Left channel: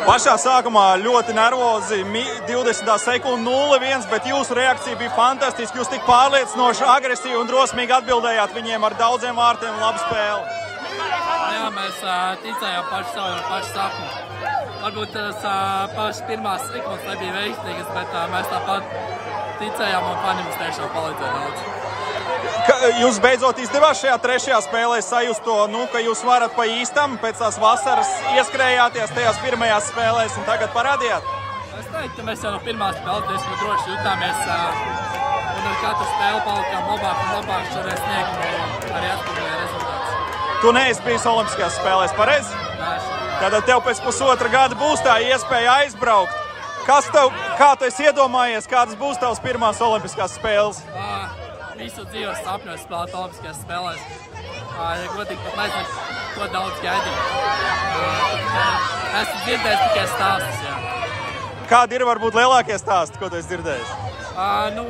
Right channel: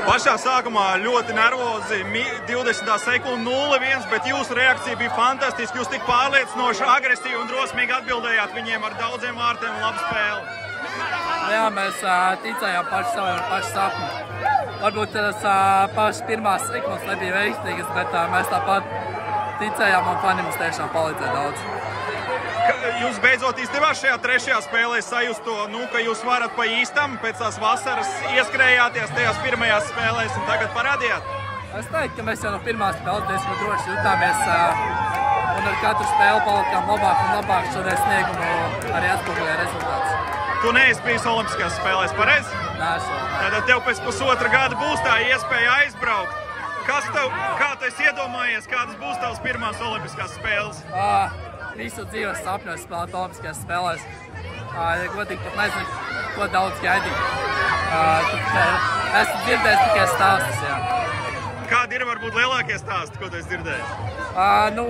Pašā sākumā ļoti nervozi, 20. sekunde 0-1, bet jūsu reakcija bija fantastiska. Jūs tik pārliecinoši, agresīvi un drosmīgi atbildējāt viņiem ar daudziem vārtiem un labu spēli. Jā, mēs ticējām paši savu no paša sākuma. Varbūt tas pašas pirmās sekundes nebija veiksmīgas, bet mēs tāpat ticējām un fani mums tiešām palīdzēja daudz. Jūs beidzot izdevās šajā trešajā spēlē sajust to, ka jūs varat pa īstam pēc tās vasaras ieskrējāties tajās pirmajās spēlēs un tagad parādījāt? Es teiktu, ka mēs jau no pirmās spēles diezgan droši jutāmies un ar katru spēli palikām labāk un labāk šodien sniegumu arī atspoguļoja rezultātus. Tu neesi bijis Olimpiskajās spēlēs, pareizi? Nē, esmu. Tad tev pēc pusotra gada būs tā iespēja aizbraukt. Kā tu esi iedomājies, kādas būs tavas pirmās Olimpiskās spēles? Visu dzīves sapņos spēlēt Olimpiskajās spēlēs. Ja godīgi pat nezinu, ko daudz gaidīt. Esmu dzirdējis tikai stāstus, jā. Kādi ir varbūt lielākie stāsti, ko tu esi dzirdējis?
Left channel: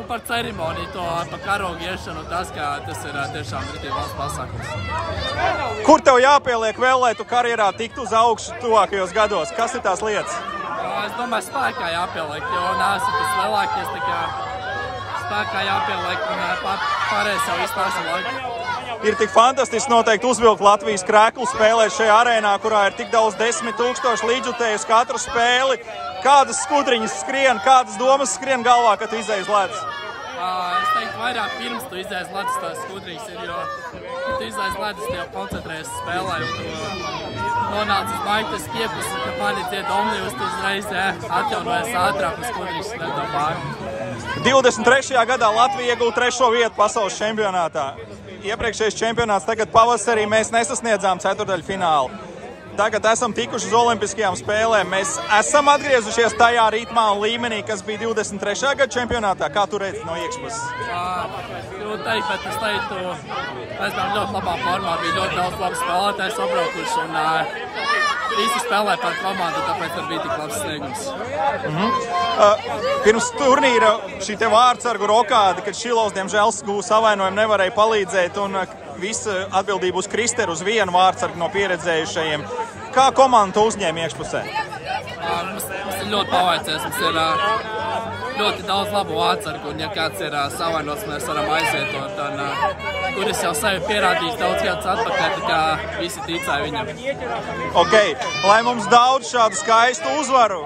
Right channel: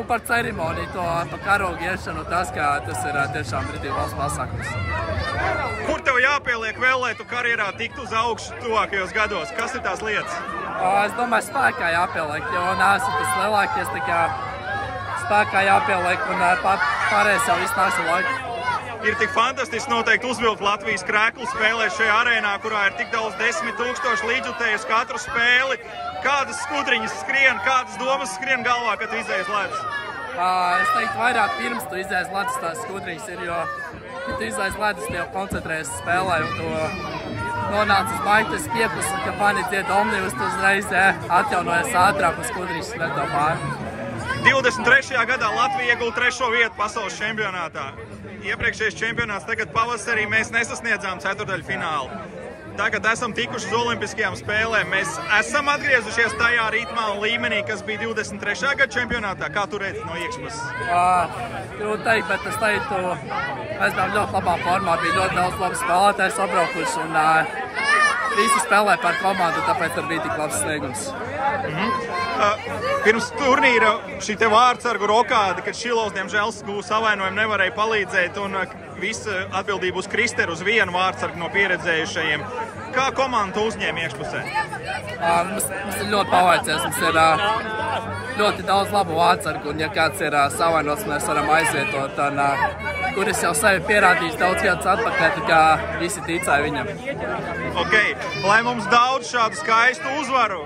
Par ceremoniju, par karogu iešanu, tas ir tiešām rītīgi valsts pasākums. Kur tev jāpieliek vēl, lai tu karjerā tiktu uz augšu tuvākajos gados? Kas ir tās lietas? Es domāju, spēkā jāpieliek, jo neesmu tas lielākies, tā kā spēkā jāpieliek un pārējais jau viss nāks ar laiku. Ir tik fantastiski noteikti uzvilkt Latvijas krēklu spēlēt šajā arēnā, kurā ir tik daudz 10 000 līdzjutējus katru spēli. Kādas skudriņas skrien, kādas domas skrien galvā, kad tu izēji uz ledus? Es teiktu, vairāk pirms tu izēji uz ledus tās skudriņas ir, jo, kad tu izēji uz ledus, tu jau koncentrējies spēlē un tu nonāc uz maitas piepus un, ka fani dzied omnibus, tu uzreiz atjaunojies ātrāk un skudriņas skrien tev pāri. 23. gadā Latvija iegūta 3. vietu pasaules čempionātā. Iepriekšējais čempionāts tagad pavasarī mēs nesasniedzām ceturdaļfinālu. Tagad esam tikuši uz Olimpiskajām spēlēm. Mēs esam atgriezušies tajā ritmā un līmenī, kas bija 23. gada čempionātā. Kā tu redzi no iekšpuses? Grūti teikt, bet es teiktu, mēs bijām ļoti labā formā, bija ļoti daudz labu spēlētāju sabraukuši un visi spēlē par komandu, tāpēc arī bija tik labs sniegums. Pirms turnīra šī te vārdsargu rokāde, kad Šilovs diemžēl gūs savainojumu, nevarēja palīdzēt un visa atbildība uz Kristeru, uz vienu vārdsargu no pieredzējušajiem. Kā komanda uzņēma iekšpusē? Mums ir ļoti pavaicies, mums ir ļoti daudz labu vārdsargu, un ja kāds ir savainots, mēs varam aizvietot, un kuris jau sevi pierādījis daudz gadus atpakaļ, tā kā visi ticēja viņam. Ok, lai mums daudz šādu skaistu uzvaru,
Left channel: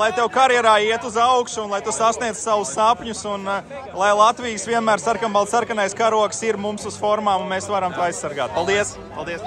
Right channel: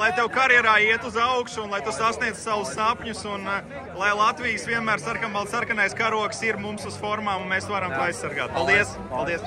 lai tev karjerā iet uz augšu un lai tu sasniedz savus sapņus un lai Latvijas vienmēr sarkanbalts sarkanais karogs ir mums uz formām un mēs varam to aizsargāt. Paldies! Paldies!